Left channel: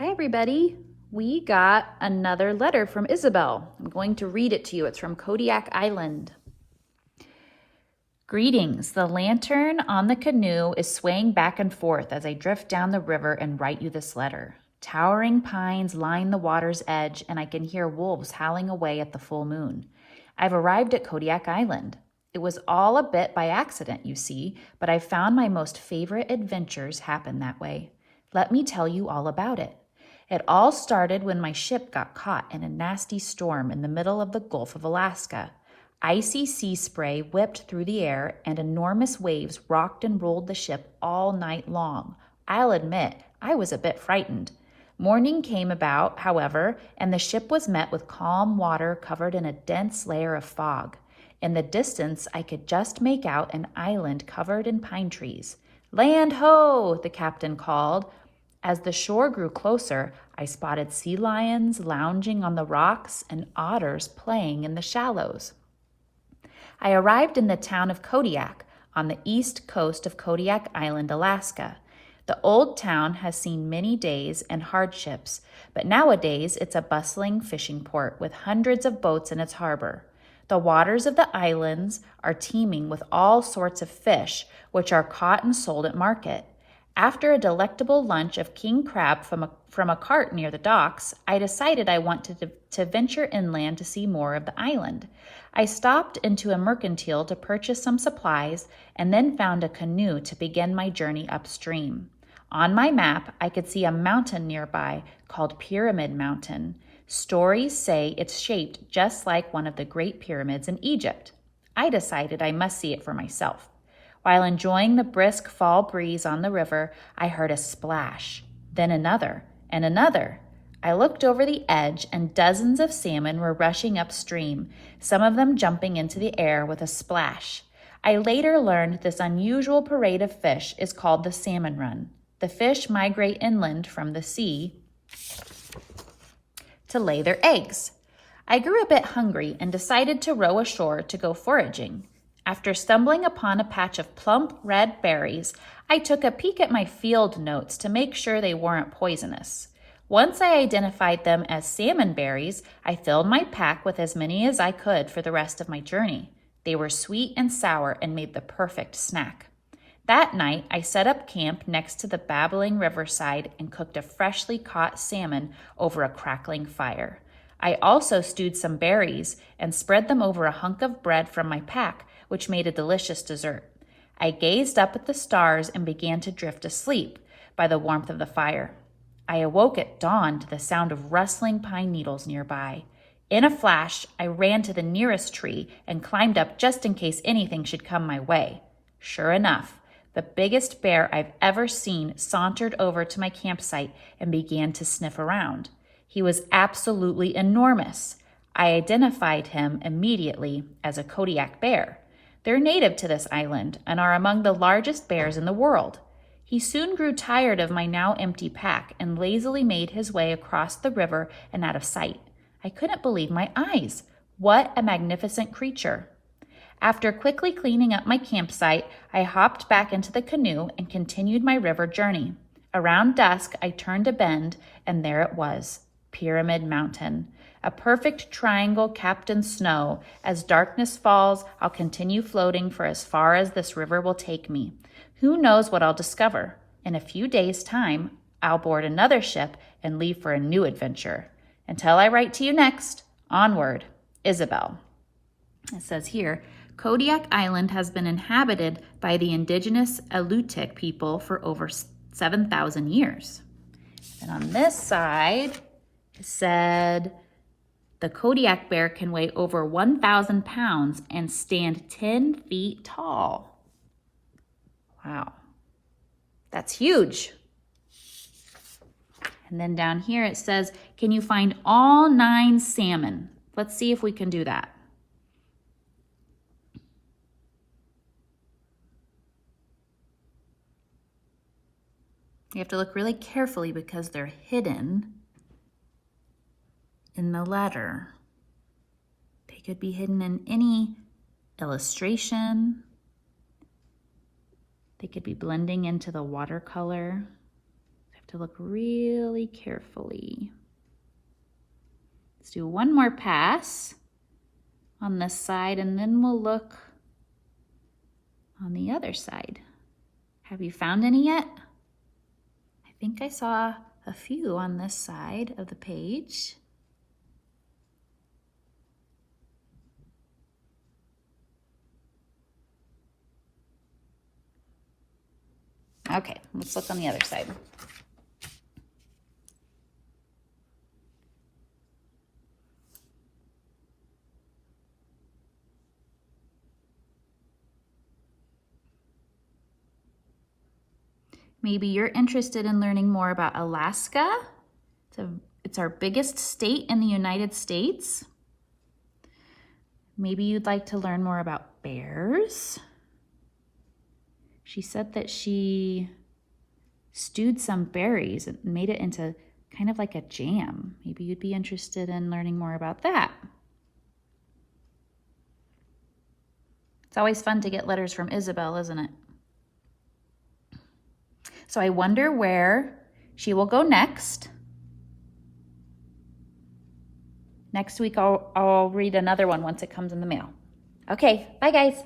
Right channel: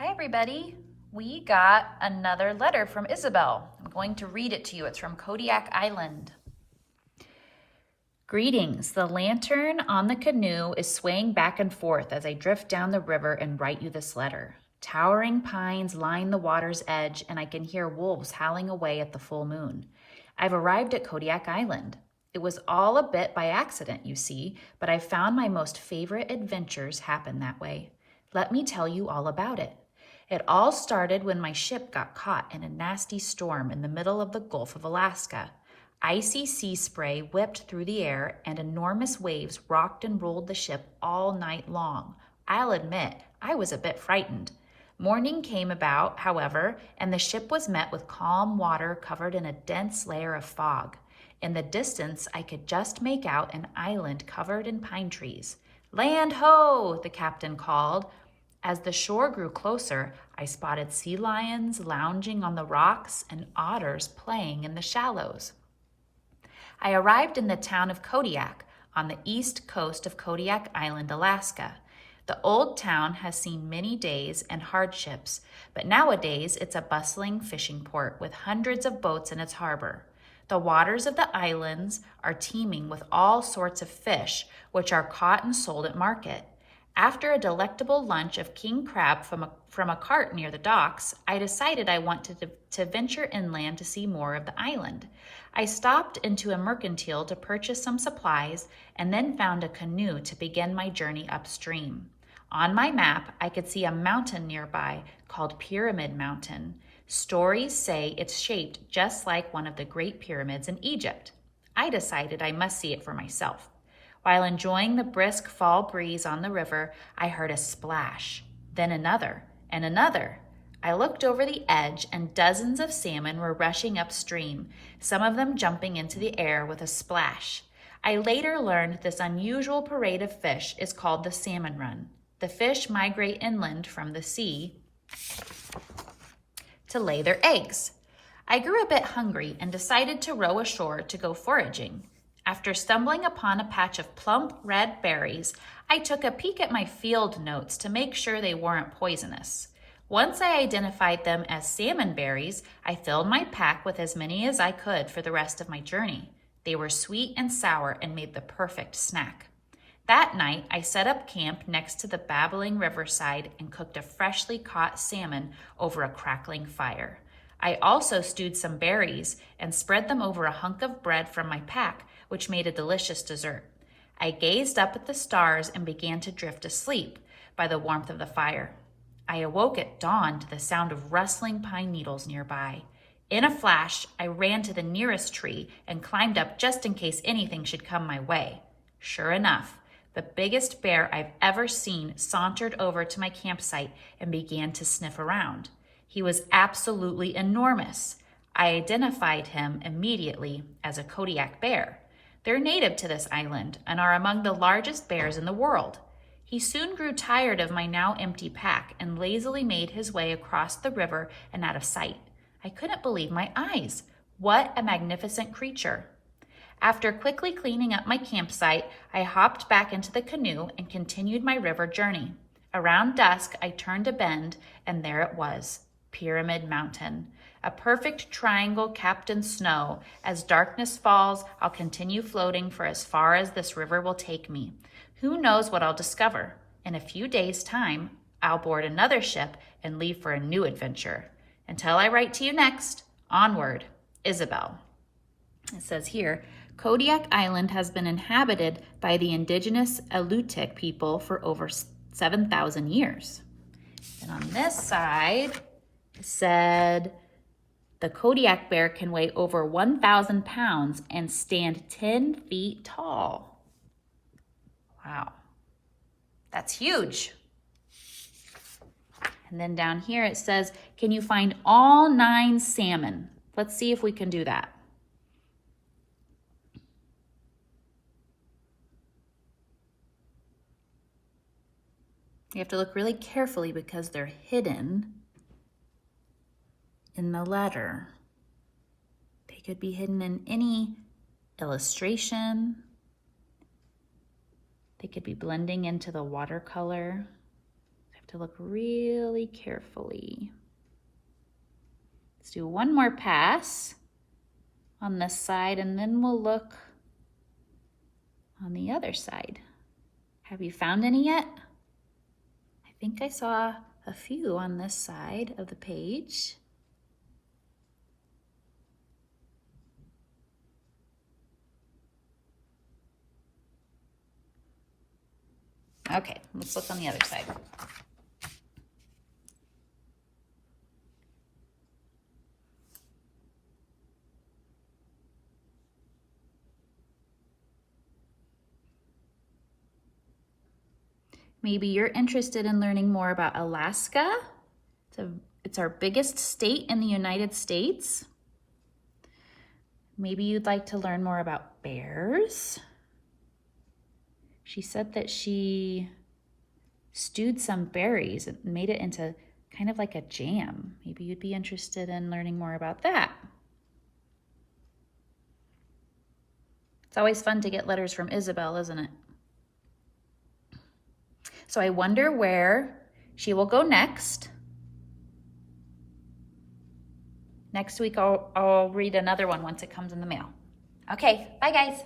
Hi everybody. We got another letter from Isabelle. I'm going to read it to you. It's from Kodiak Island. Greetings. The lantern on the canoe is swaying back and forth as I drift down the river and write you this letter. Towering pines line the water's edge, and I can hear wolves howling away at the full moon. I've arrived at Kodiak Island. It was all a bit by accident, you see, but I found my most favorite adventures happen that way. Let me tell you all about it. It all started when my ship got caught in a nasty storm in the middle of the Gulf of Alaska. Icy sea spray whipped through the air, and enormous waves rocked and rolled the ship all night long. I'll admit, I was a bit frightened. Morning came about, however, and the ship was met with calm water covered in a dense layer of fog. In the distance, I could just make out an island covered in pine trees. "Land ho!" the captain called. As the shore grew closer, I spotted sea lions lounging on the rocks and otters playing in the shallows. I arrived in the town of Kodiak on the east coast of Kodiak Island, Alaska. The old town has seen many days and hardships, but nowadays it's a bustling fishing port with hundreds of boats in its harbor. The waters of the islands are teeming with all sorts of fish, which are caught and sold at market. After a delectable lunch of king crab from a cart near the docks, I decided I wanted to venture inland to see more of the island. I stopped into a mercantile to purchase some supplies and then found a canoe to begin my journey upstream. On my map, I could see a mountain nearby called Pyramid Mountain. Stories say it's shaped just like one of the great pyramids in Egypt. I decided I must see it for myself. While enjoying the brisk fall breeze on the river, I heard a splash, then another, and another. I looked over the edge, and dozens of salmon were rushing upstream, some of them jumping into the air with a splash. I later learned this unusual parade of fish is called the salmon run. The fish migrate inland from the sea to lay their eggs. I grew a bit hungry and decided to row ashore to go foraging. After stumbling upon a patch of plump red berries, I took a peek at my field notes to make sure they weren't poisonous. Once I identified them as salmon berries, I filled my pack with as many as I could for the rest of my journey. They were sweet and sour and made the perfect snack. That night, I set up camp next to the babbling riverside and cooked a freshly caught salmon over a crackling fire. I also stewed some berries and spread them over a hunk of bread from my pack, which made a delicious dessert. I gazed up at the stars and began to drift asleep by the warmth of the fire. I awoke at dawn to the sound of rustling pine needles nearby. In a flash, I ran to the nearest tree and climbed up just in case anything should come my way. Sure enough, the biggest bear I've ever seen sauntered over to my campsite and began to sniff around. He was absolutely enormous. I identified him immediately as a Kodiak bear. They're native to this island and are among the largest bears in the world. He soon grew tired of my now empty pack and lazily made his way across the river and out of sight. I couldn't believe my eyes. What a magnificent creature. After quickly cleaning up my campsite, I hopped back into the canoe and continued my river journey. Around dusk, I turned a bend, and there it was, Pyramid Mountain. A perfect triangle capped in snow. As darkness falls, I'll continue floating for as far as this river will take me. Who knows what I'll discover? In a few days' time, I'll board another ship and leave for a new adventure. Until I write to you next, onward, Isabelle. It says here, Kodiak Island has been inhabited by the indigenous Alutiiq people for over 7,000 years. And on this side, it said, the Kodiak bear can weigh over 1,000 pounds and stand 10 feet tall. Wow, that's huge. And then down here it says, can you find all 9 salmon? Let's see if we can do that. You have to look really carefully because they're hidden in the letter. They could be hidden in any illustration. They could be blending into the watercolor. I have To look really carefully. Let's do one more pass on this side and then we'll look on the other side. Have you found any yet? I think I saw a few on this side of the page. Okay, let's look on the other side. Maybe you're interested in learning more about Alaska. It's our biggest state in the United States. Maybe you'd like to learn more about bears. She said that she stewed some berries and made it into kind of like a jam. Maybe you'd be interested in learning more about that. It's always fun to get letters from Isabelle, isn't it? So I wonder where she will go next. Next week I'll read another one once it comes in the mail. Okay, bye guys.